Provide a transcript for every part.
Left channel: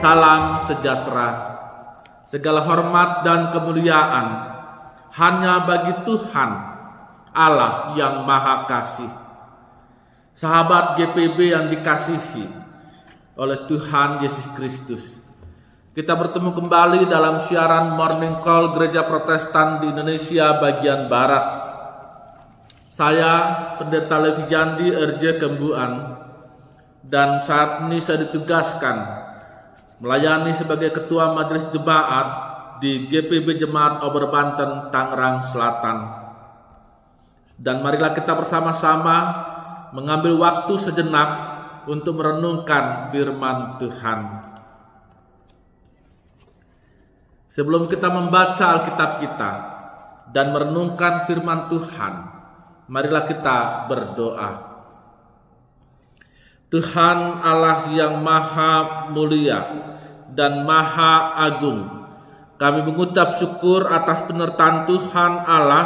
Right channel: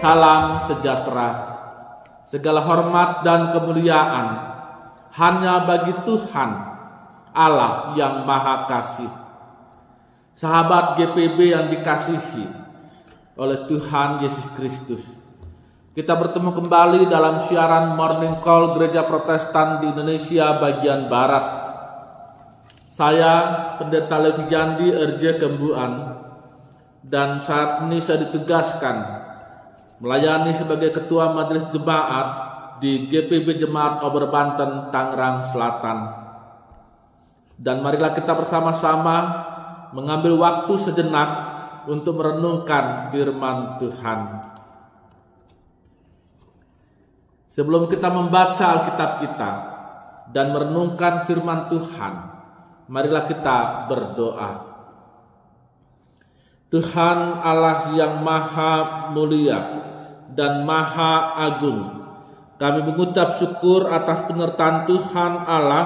Salam sejahtera. Segala hormat dan kemuliaan hanya bagi Tuhan Allah yang Maha Kasih. Sahabat GPB yang dikasihi oleh Tuhan Yesus Kristus, kita bertemu kembali dalam siaran Morning Call Gereja Protestan di Indonesia bagian Barat. Saya Pendeta Levi Jandi RJ Kembuan, dan saat ini saya ditugaskan melayani sebagai Ketua Majelis Jemaat di GPB Jemaat Ober Banten, Tangerang Selatan. Dan marilah kita bersama-sama mengambil waktu sejenak untuk merenungkan firman Tuhan. Sebelum kita membaca Alkitab kita dan merenungkan firman Tuhan, marilah kita berdoa. Tuhan Allah yang Maha Mulia dan Maha Agung, kami mengucap syukur atas penyertaan Tuhan Allah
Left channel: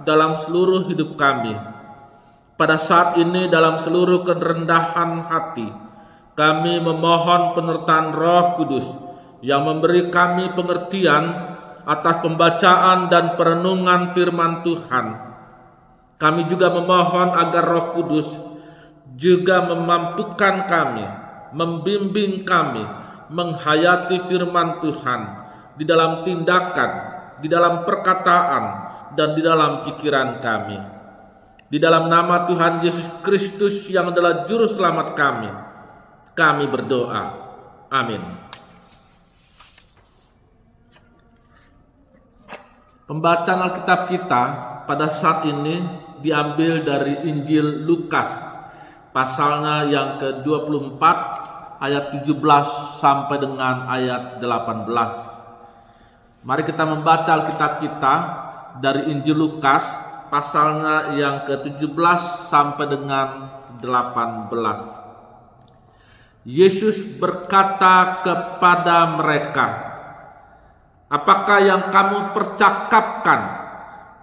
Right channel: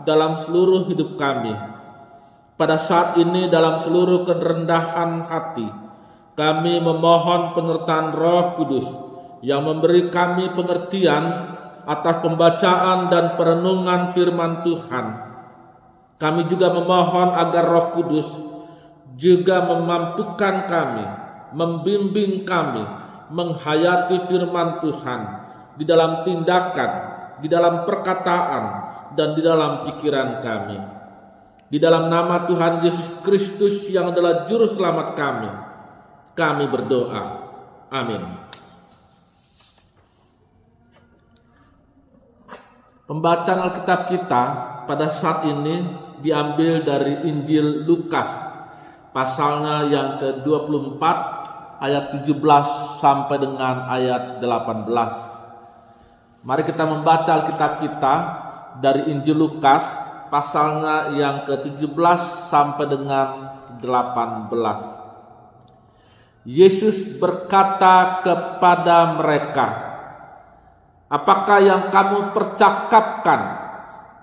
dalam seluruh hidup kami. Pada saat ini dalam seluruh kerendahan hati, kami memohon penyertaan Roh Kudus yang memberi kami pengertian atas pembacaan dan perenungan firman Tuhan. Kami juga memohon agar Roh Kudus juga memampukan kami, membimbing kami, menghayati firman Tuhan di dalam tindakan, di dalam perkataan, dan di dalam pikiran kami. Di dalam nama Tuhan Yesus Kristus yang adalah Juru Selamat kami berdoa. Amin. Pembacaan Alkitab kita pada saat ini diambil dari Injil Lukas, pasalnya yang ke-24 ayat 17 sampai dengan ayat 18. Mari kita membaca Alkitab kita dari Injil Lukas pasalnya yang ke-17 sampai dengan 18. Yesus berkata kepada mereka, "Apakah yang kamu percakapkan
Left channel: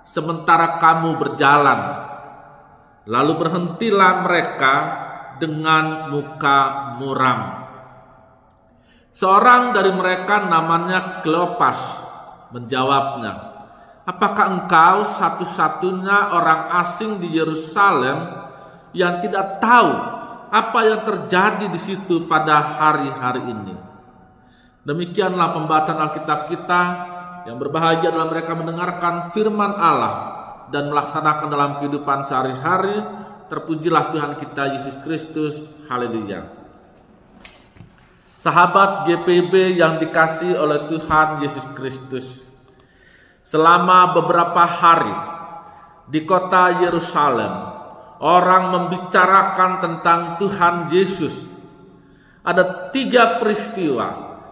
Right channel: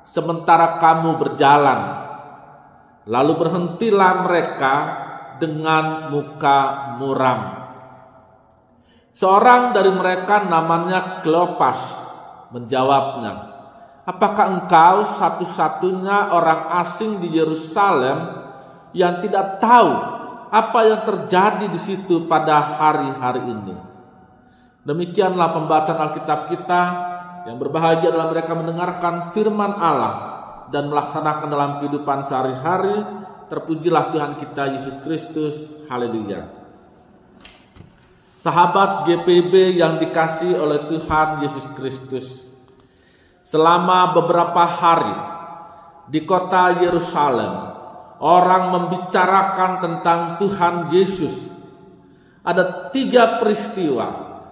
sementara kamu berjalan?" Lalu berhentilah mereka dengan muka muram. Seorang dari mereka namanya Kleopas menjawabnya, "Apakah engkau satu-satunya orang asing di Yerusalem yang tidak tahu apa yang terjadi di situ pada hari-hari ini?" Demikianlah pembacaan Alkitab kita. Yang berbahagia adalah mereka mendengarkan firman Allah dan melaksanakan dalam kehidupan sehari-hari. Terpujilah Tuhan kita Yesus Kristus. Haleluya. Sahabat GPB yang dikasihi oleh Tuhan Yesus Kristus, selama beberapa hari di kota Yerusalem, orang membicarakan tentang Tuhan Yesus. Ada 3 peristiwa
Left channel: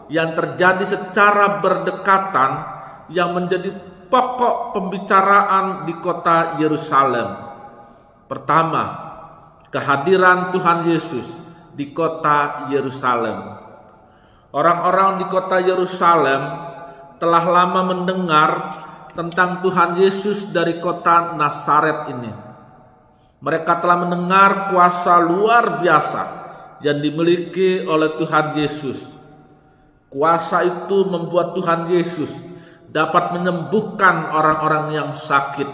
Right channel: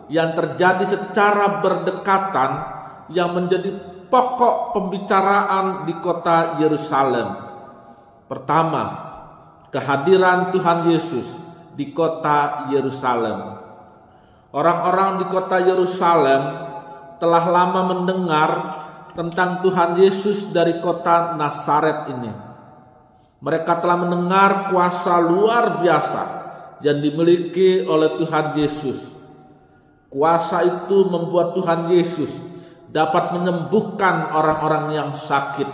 yang terjadi secara berdekatan yang menjadi pokok pembicaraan di kota Yerusalem. Pertama, kehadiran Tuhan Yesus di kota Yerusalem. Orang-orang di kota Yerusalem telah lama mendengar tentang Tuhan Yesus dari kota Nazaret ini. Mereka telah mendengar kuasa luar biasa yang dimiliki oleh Tuhan Yesus. Kuasa itu membuat Tuhan Yesus dapat menyembuhkan orang-orang yang sakit.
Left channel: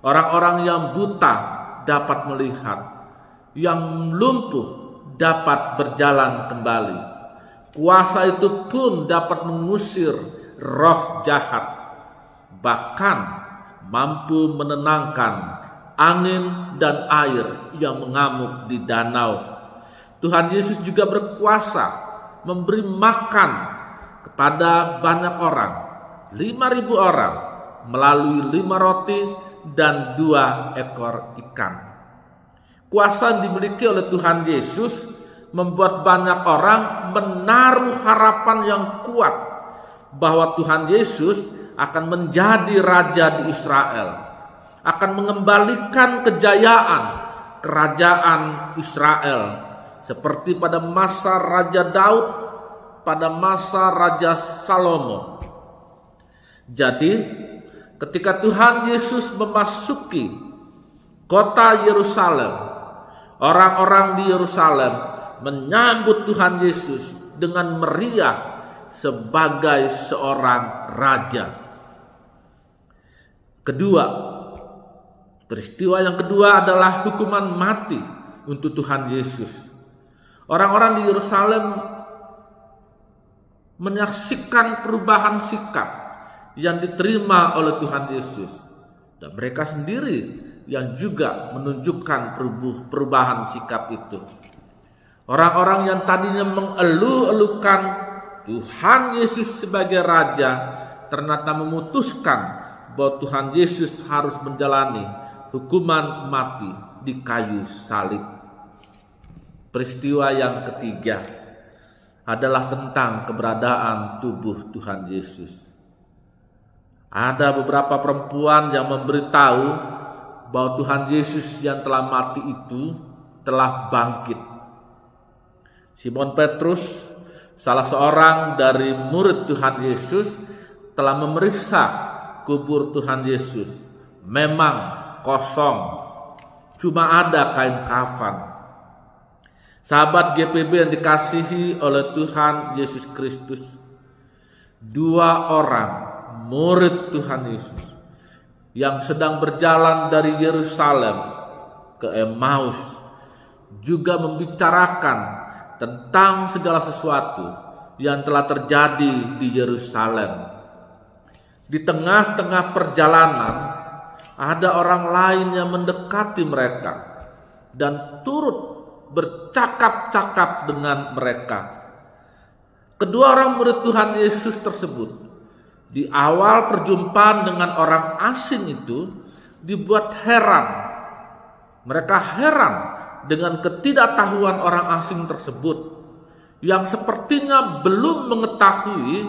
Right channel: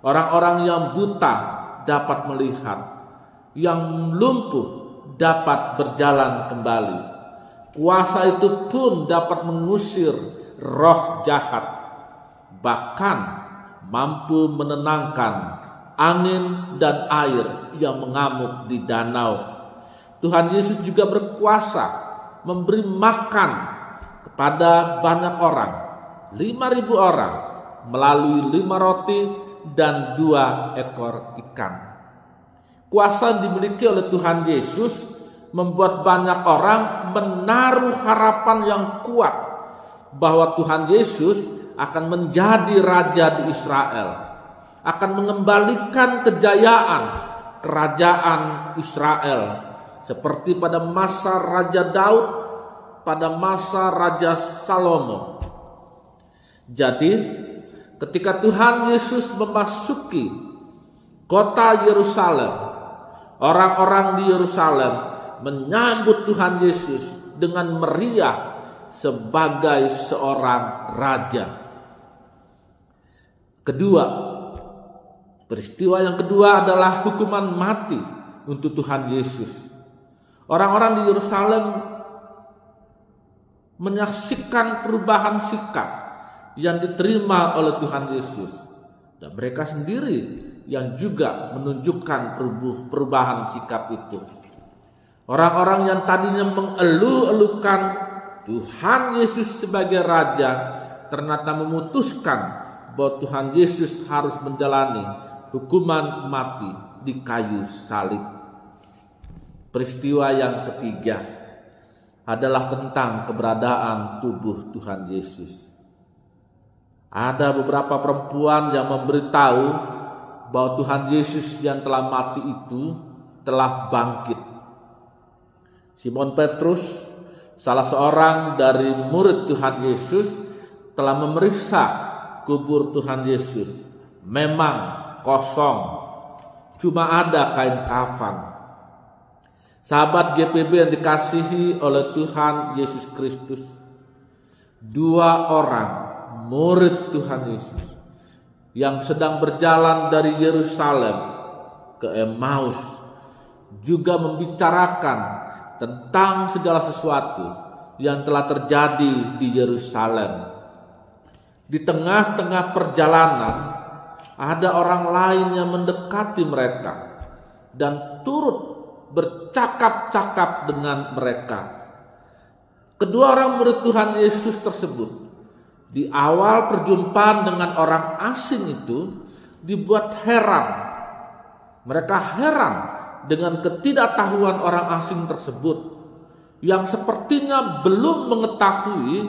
Orang-orang yang buta dapat melihat. Yang lumpuh dapat berjalan kembali. Kuasa itu pun dapat mengusir roh jahat. Bahkan mampu menenangkan angin dan air yang mengamuk di danau. Tuhan Yesus juga berkuasa memberi makan kepada banyak orang, 5.000 orang, melalui 5 roti dan 2 ekor ikan. Kuasa yang dimiliki oleh Tuhan Yesus membuat banyak orang menaruh harapan yang kuat bahwa Tuhan Yesus akan menjadi raja di Israel, akan mengembalikan kejayaan kerajaan Israel seperti pada masa Raja Daud, pada masa Raja Salomo. Jadi ketika Tuhan Yesus memasuki kota Yerusalem, orang-orang di Yerusalem menyambut Tuhan Yesus dengan meriah sebagai seorang raja. Kedua, peristiwa yang kedua adalah hukuman mati untuk Tuhan Yesus. Orang-orang di Yerusalem menyaksikan perubahan sikap yang diterima oleh Tuhan Yesus, dan mereka sendiri yang juga menunjukkan perubahan sikap itu. Orang-orang yang tadinya mengeluh-elukan Tuhan Yesus sebagai raja ternyata memutuskan bahwa Tuhan Yesus harus menjalani hukuman mati di kayu salib. Peristiwa yang ketiga adalah tentang keberadaan tubuh Tuhan Yesus. Ada beberapa perempuan yang memberitahu bahwa Tuhan Yesus yang telah mati itu telah bangkit. Simon Petrus, salah seorang dari murid Tuhan Yesus, telah memeriksa kubur Tuhan Yesus. Memang kosong, cuma ada kain kafan. Sahabat GPB yang dikasihi oleh Tuhan Yesus Kristus, dua orang murid Tuhan Yesus yang sedang berjalan dari Yerusalem ke Emmaus juga membicarakan tentang segala sesuatu yang telah terjadi di Yerusalem. Di tengah-tengah perjalanan ada orang lain yang mendekati mereka dan turut bercakap-cakap dengan mereka. Kedua orang murid Tuhan Yesus tersebut di awal perjumpaan dengan orang asing itu dibuat heran. Mereka heran dengan ketidaktahuan orang asing tersebut yang sepertinya belum mengetahui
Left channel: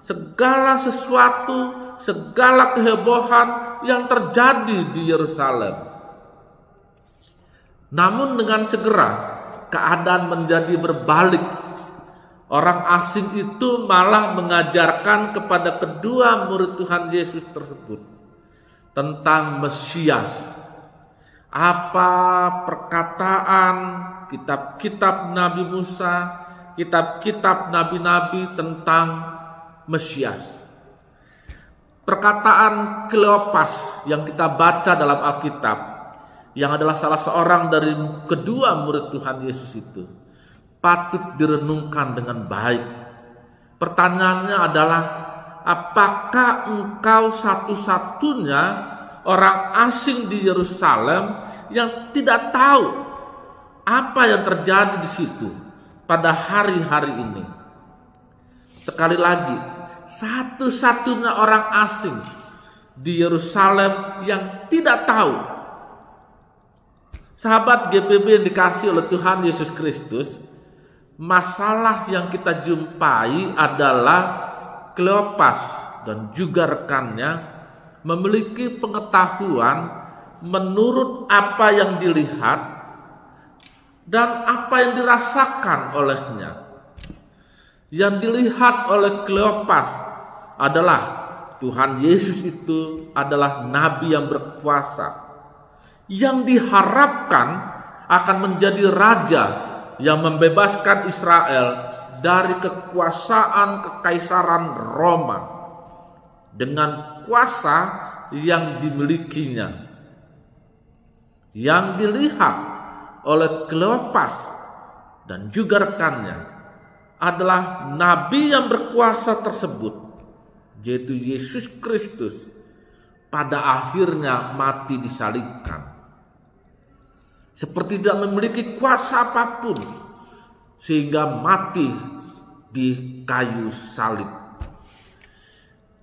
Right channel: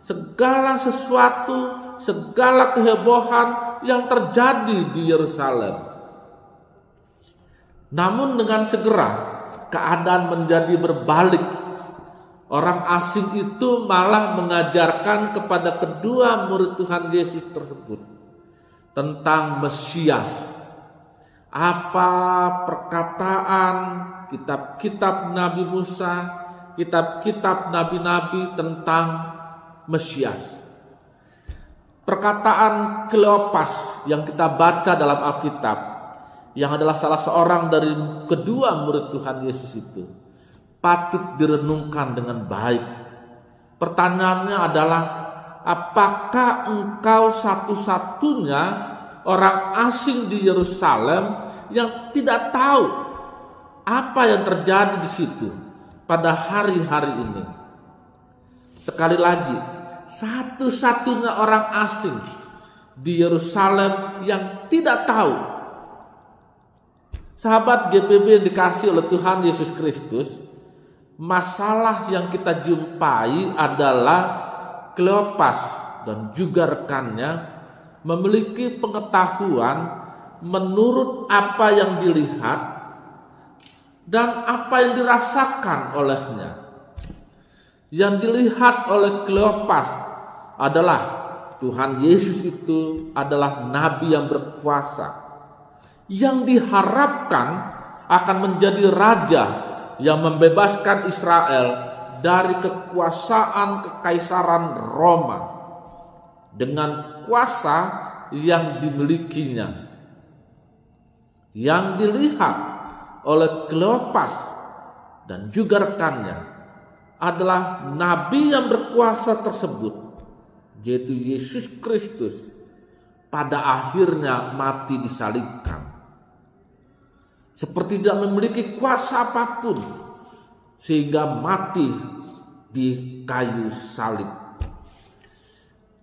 segala sesuatu, segala kehebohan yang terjadi di Yerusalem. Namun dengan segera keadaan menjadi berbalik. Orang asing itu malah mengajarkan kepada kedua murid Tuhan Yesus tersebut tentang Mesias. Apa perkataan kitab-kitab Nabi Musa, kitab-kitab nabi-nabi tentang Mesias. Perkataan Kleopas yang kita baca dalam Alkitab, yang adalah salah seorang dari kedua murid Tuhan Yesus itu, patut direnungkan dengan baik. Pertanyaannya adalah, apakah engkau satu-satunya orang asing di Yerusalem yang tidak tahu apa yang terjadi di situ pada hari-hari ini? Sekali lagi, satu-satunya orang asing di Yerusalem yang tidak tahu. Sahabat GPB yang dikasihi oleh Tuhan Yesus Kristus, masalah yang kita jumpai adalah Kleopas dan juga rekannya memiliki pengetahuan menurut apa yang dilihat dan apa yang dirasakan olehnya. Yang dilihat oleh Kleopas adalah Tuhan Yesus itu adalah nabi yang berkuasa, yang diharapkan akan menjadi raja yang membebaskan Israel dari kekuasaan kekaisaran Roma dengan kuasa yang dimilikinya. Yang dilihat oleh Kleopas dan juga rekannya adalah nabi yang berkuasa tersebut, yaitu Yesus Kristus, pada akhirnya mati disalibkan. Seperti tidak memiliki kuasa apapun, sehingga mati di kayu salib.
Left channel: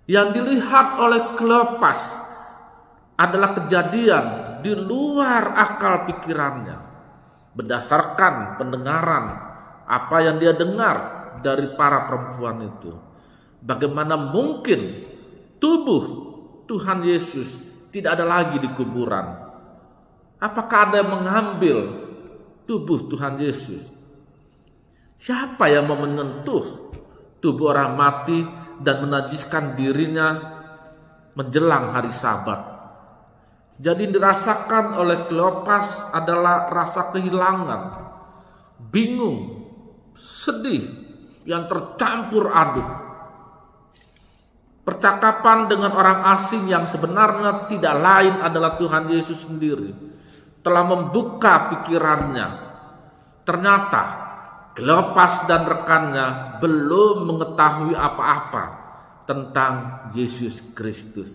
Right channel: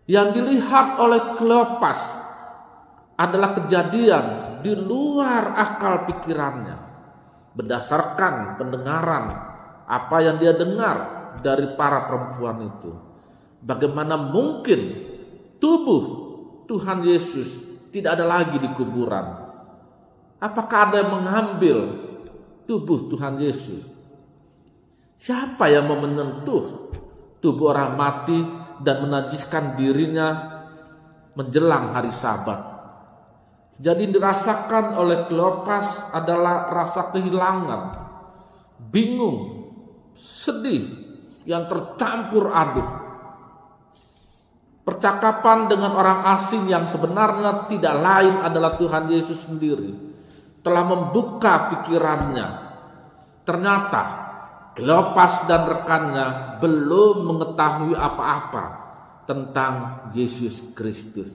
Yang dilihat oleh Kleopas adalah kejadian di luar akal pikirannya, berdasarkan pendengaran apa yang dia dengar dari para perempuan itu. Bagaimana mungkin tubuh Tuhan Yesus tidak ada lagi di kuburan? Apakah ada yang mengambil tubuh Tuhan Yesus? Siapa yang mau menyentuh tubuh orang mati dan menajiskan dirinya menjelang hari Sabat? Jadi dirasakan oleh Kleopas adalah rasa kehilangan, bingung, sedih, yang tercampur aduk. Percakapan dengan orang asing yang sebenarnya tidak lain adalah Tuhan Yesus sendiri telah membuka pikirannya. Ternyata Kleopas dan rekannya belum mengetahui apa-apa tentang Yesus Kristus.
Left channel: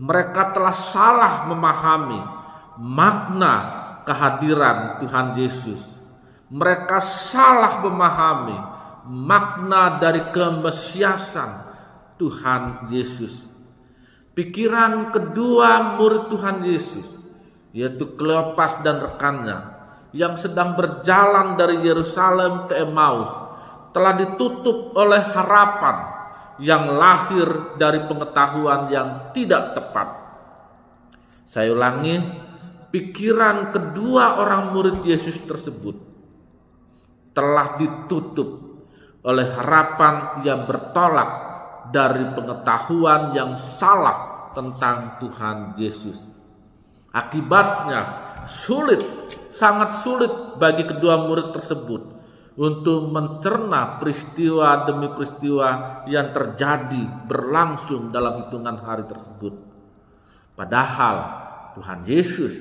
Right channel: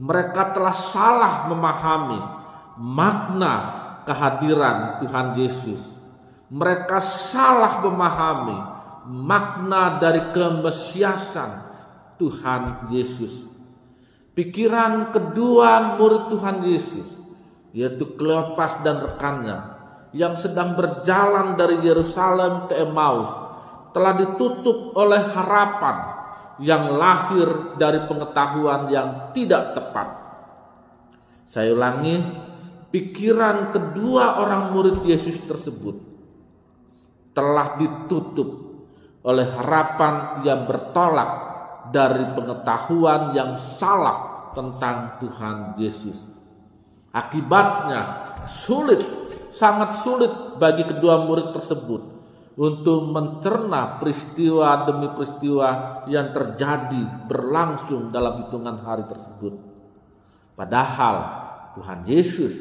Mereka telah salah memahami makna kehadiran Tuhan Yesus. Mereka salah memahami makna dari kemesiasan Tuhan Yesus. Pikiran kedua murid Tuhan Yesus, yaitu Kleopas dan rekannya yang sedang berjalan dari Yerusalem ke Emmaus, telah ditutup oleh harapan yang lahir dari pengetahuan yang tidak tepat. Saya ulangi, pikiran kedua orang murid Yesus tersebut telah ditutup oleh harapan yang bertolak dari pengetahuan yang salah tentang Tuhan Yesus. Akibatnya sangat sulit bagi kedua murid tersebut untuk mencerna peristiwa demi peristiwa yang terjadi berlangsung dalam hitungan hari tersebut. Padahal Tuhan Yesus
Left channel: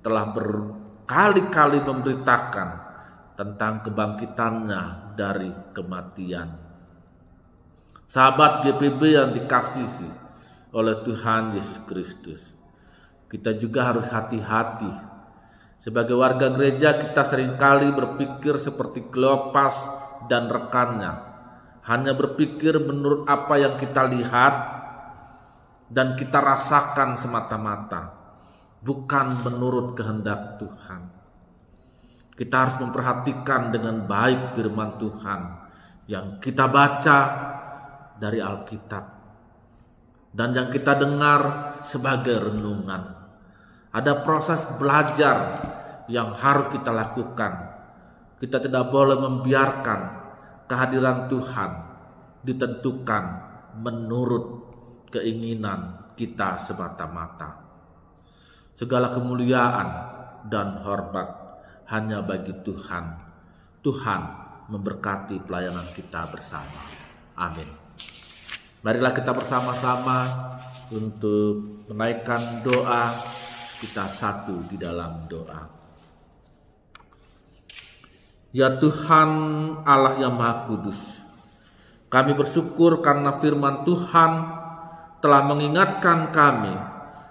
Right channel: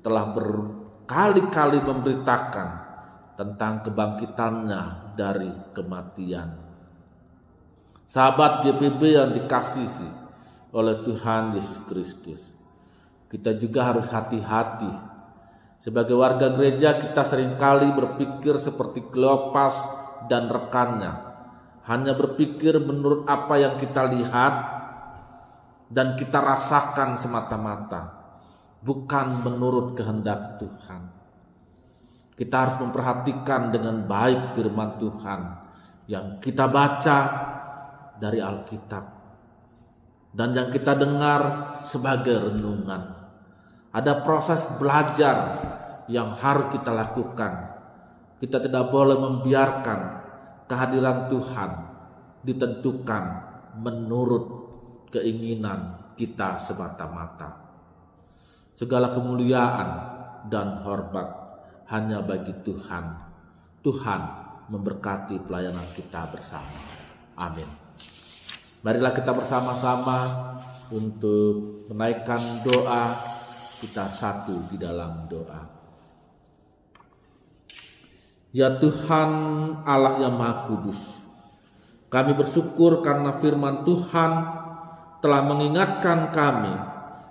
telah berkali-kali memberitakan tentang kebangkitannya dari kematian. Sahabat GPB yang dikasihi oleh Tuhan Yesus Kristus, kita juga harus hati-hati. Sebagai warga gereja, kita seringkali berpikir seperti Kleopas dan rekannya, hanya berpikir menurut apa yang kita lihat dan kita rasakan semata-mata, bukan menurut kehendak Tuhan. Kita harus memperhatikan dengan baik firman Tuhan yang kita baca dari Alkitab dan yang kita dengar sebagai renungan. Ada proses belajar yang harus kita lakukan. Kita tidak boleh membiarkan kehadiran Tuhan ditentukan menurut keinginan kita semata-mata. Segala kemuliaan dan hormat hanya bagi Tuhan. Tuhan memberkati pelayanan kita bersama. Amin. Marilah kita bersama-sama untuk menaikkan doa. Kita satu di dalam doa. Ya Tuhan Allah yang Maha Kudus, kami bersyukur karena firman Tuhan telah mengingatkan kami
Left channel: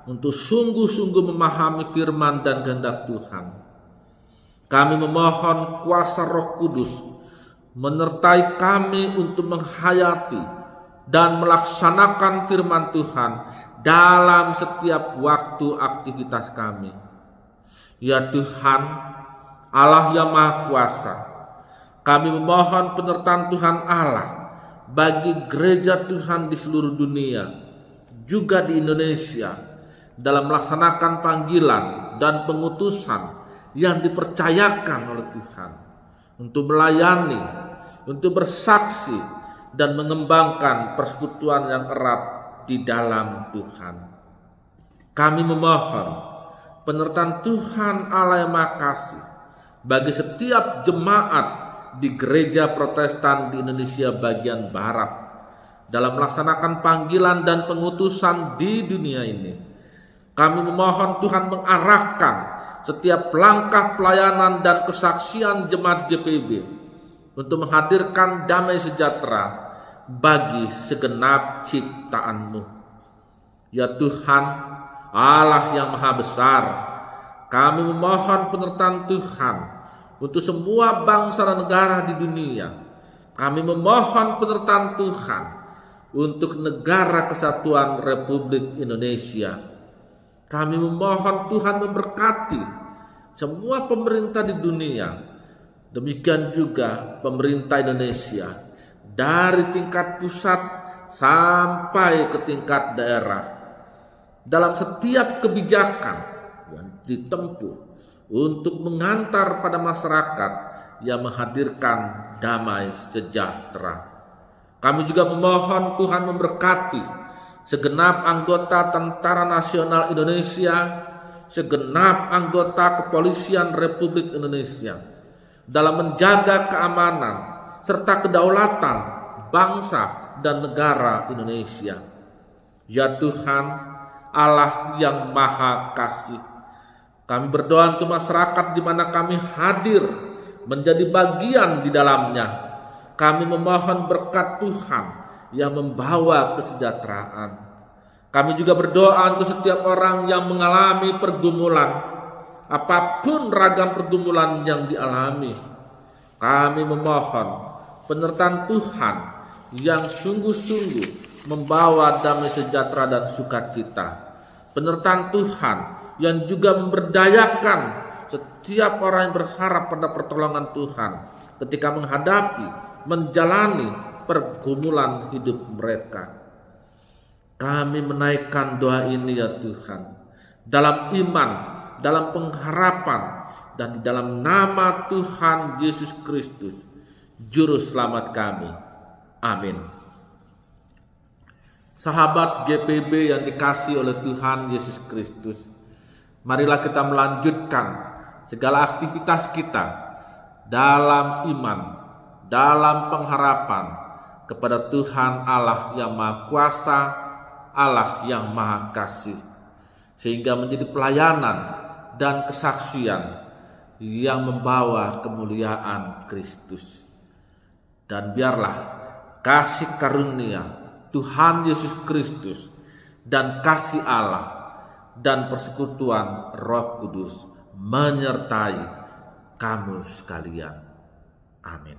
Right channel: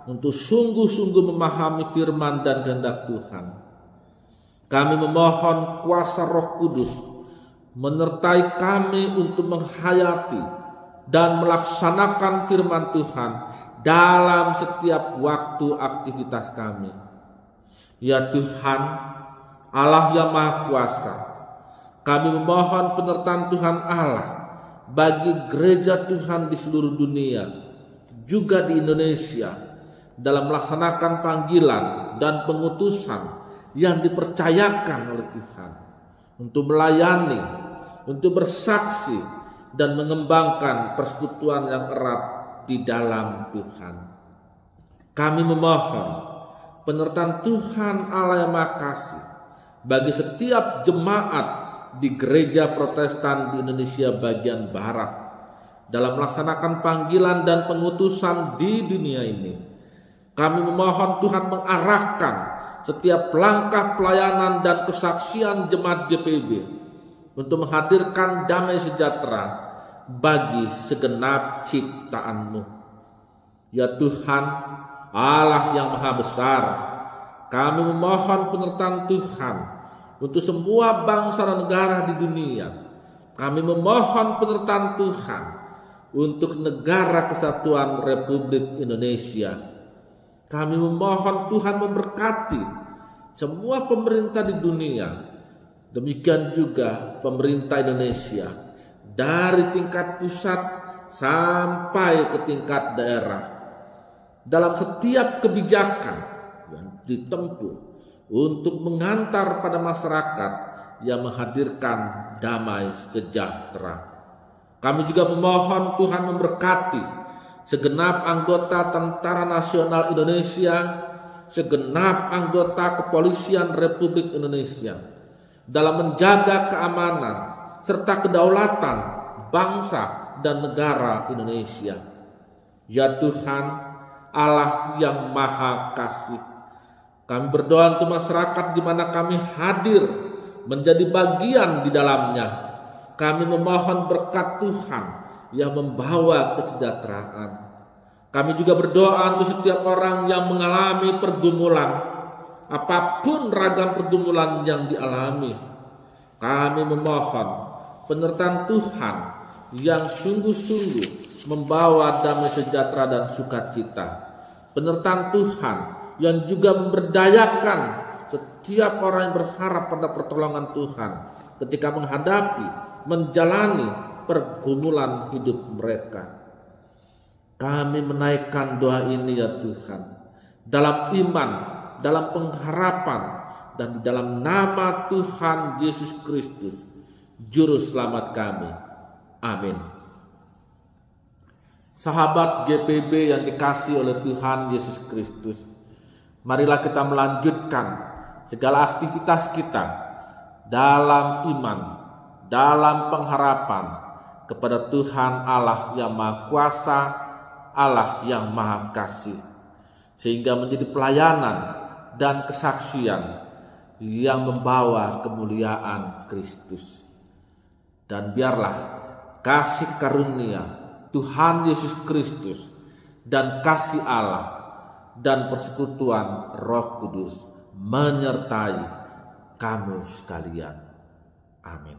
untuk sungguh-sungguh memahami firman dan kehendak Tuhan. Kami memohon kuasa Roh Kudus menyertai kami untuk menghayati dan melaksanakan firman Tuhan dalam setiap waktu aktivitas kami. Ya Tuhan, Allah yang Maha Kuasa, kami memohon penyertaan Tuhan Allah bagi gereja Tuhan di seluruh dunia, juga di Indonesia, dalam melaksanakan panggilan dan pengutusan yang dipercayakan oleh Tuhan untuk melayani, untuk bersaksi dan mengembangkan persekutuan yang erat di dalam Tuhan. Kami memohon penyertaan Tuhan Allah yang Maha Kasih bagi setiap jemaat di gereja Protestan di Indonesia bagian Barat dalam melaksanakan panggilan dan pengutusan di dunia ini. Kami memohon Tuhan mengarahkan setiap langkah pelayanan dan kesaksian jemaat GPB untuk menghadirkan damai sejahtera bagi segenap ciptaan-Mu. Ya Tuhan, Allah yang Maha Besar, kami memohon penyertaan Tuhan untuk semua bangsa dan negara di dunia. Kami memohon penyertaan Tuhan untuk negara kesatuan Republik Indonesia. Kami memohon Tuhan memberkati semua pemerintah di dunia, demikian juga pemerintah Indonesia, dari tingkat pusat sampai ke tingkat daerah, dalam setiap kebijakan yang ditempuh untuk mengantar pada masyarakat yang menghadirkan damai sejahtera. Kami juga memohon Tuhan memberkati segenap anggota Tentara Nasional Indonesia, segenap anggota Kepolisian Republik Indonesia dalam menjaga keamanan serta kedaulatan bangsa dan negara Indonesia. Ya Tuhan, Allah yang Maha Kasih, kami berdoa untuk masyarakat di mana kami hadir menjadi bagian di dalamnya. Kami memohon berkat Tuhan yang membawa kesejahteraan. Kami juga berdoa untuk setiap orang yang mengalami pergumulan, apapun ragam pergumulan yang dialami. Kami memohon penyertaan Tuhan yang sungguh-sungguh membawa damai sejahtera dan sukacita. Penyertaan Tuhan yang juga memberdayakan setiap orang yang berharap pada pertolongan Tuhan ketika menjalani pergumulan hidup mereka. Kami menaikkan doa ini ya Tuhan, dalam iman, dalam pengharapan, dan di dalam nama Tuhan Yesus Kristus, Juru Selamat kami. Amin. Sahabat GPB yang dikasihi oleh Tuhan Yesus Kristus, marilah kita melanjutkan segala aktivitas kita dalam iman, dalam pengharapan kepada Tuhan Allah yang Maha Kuasa, Allah yang Maha Kasih, sehingga menjadi pelayanan dan kesaksian yang membawa kemuliaan Kristus. Dan biarlah kasih karunia Tuhan Yesus Kristus dan kasih Allah dan persekutuan Roh Kudus menyertai kamu sekalian. Amin.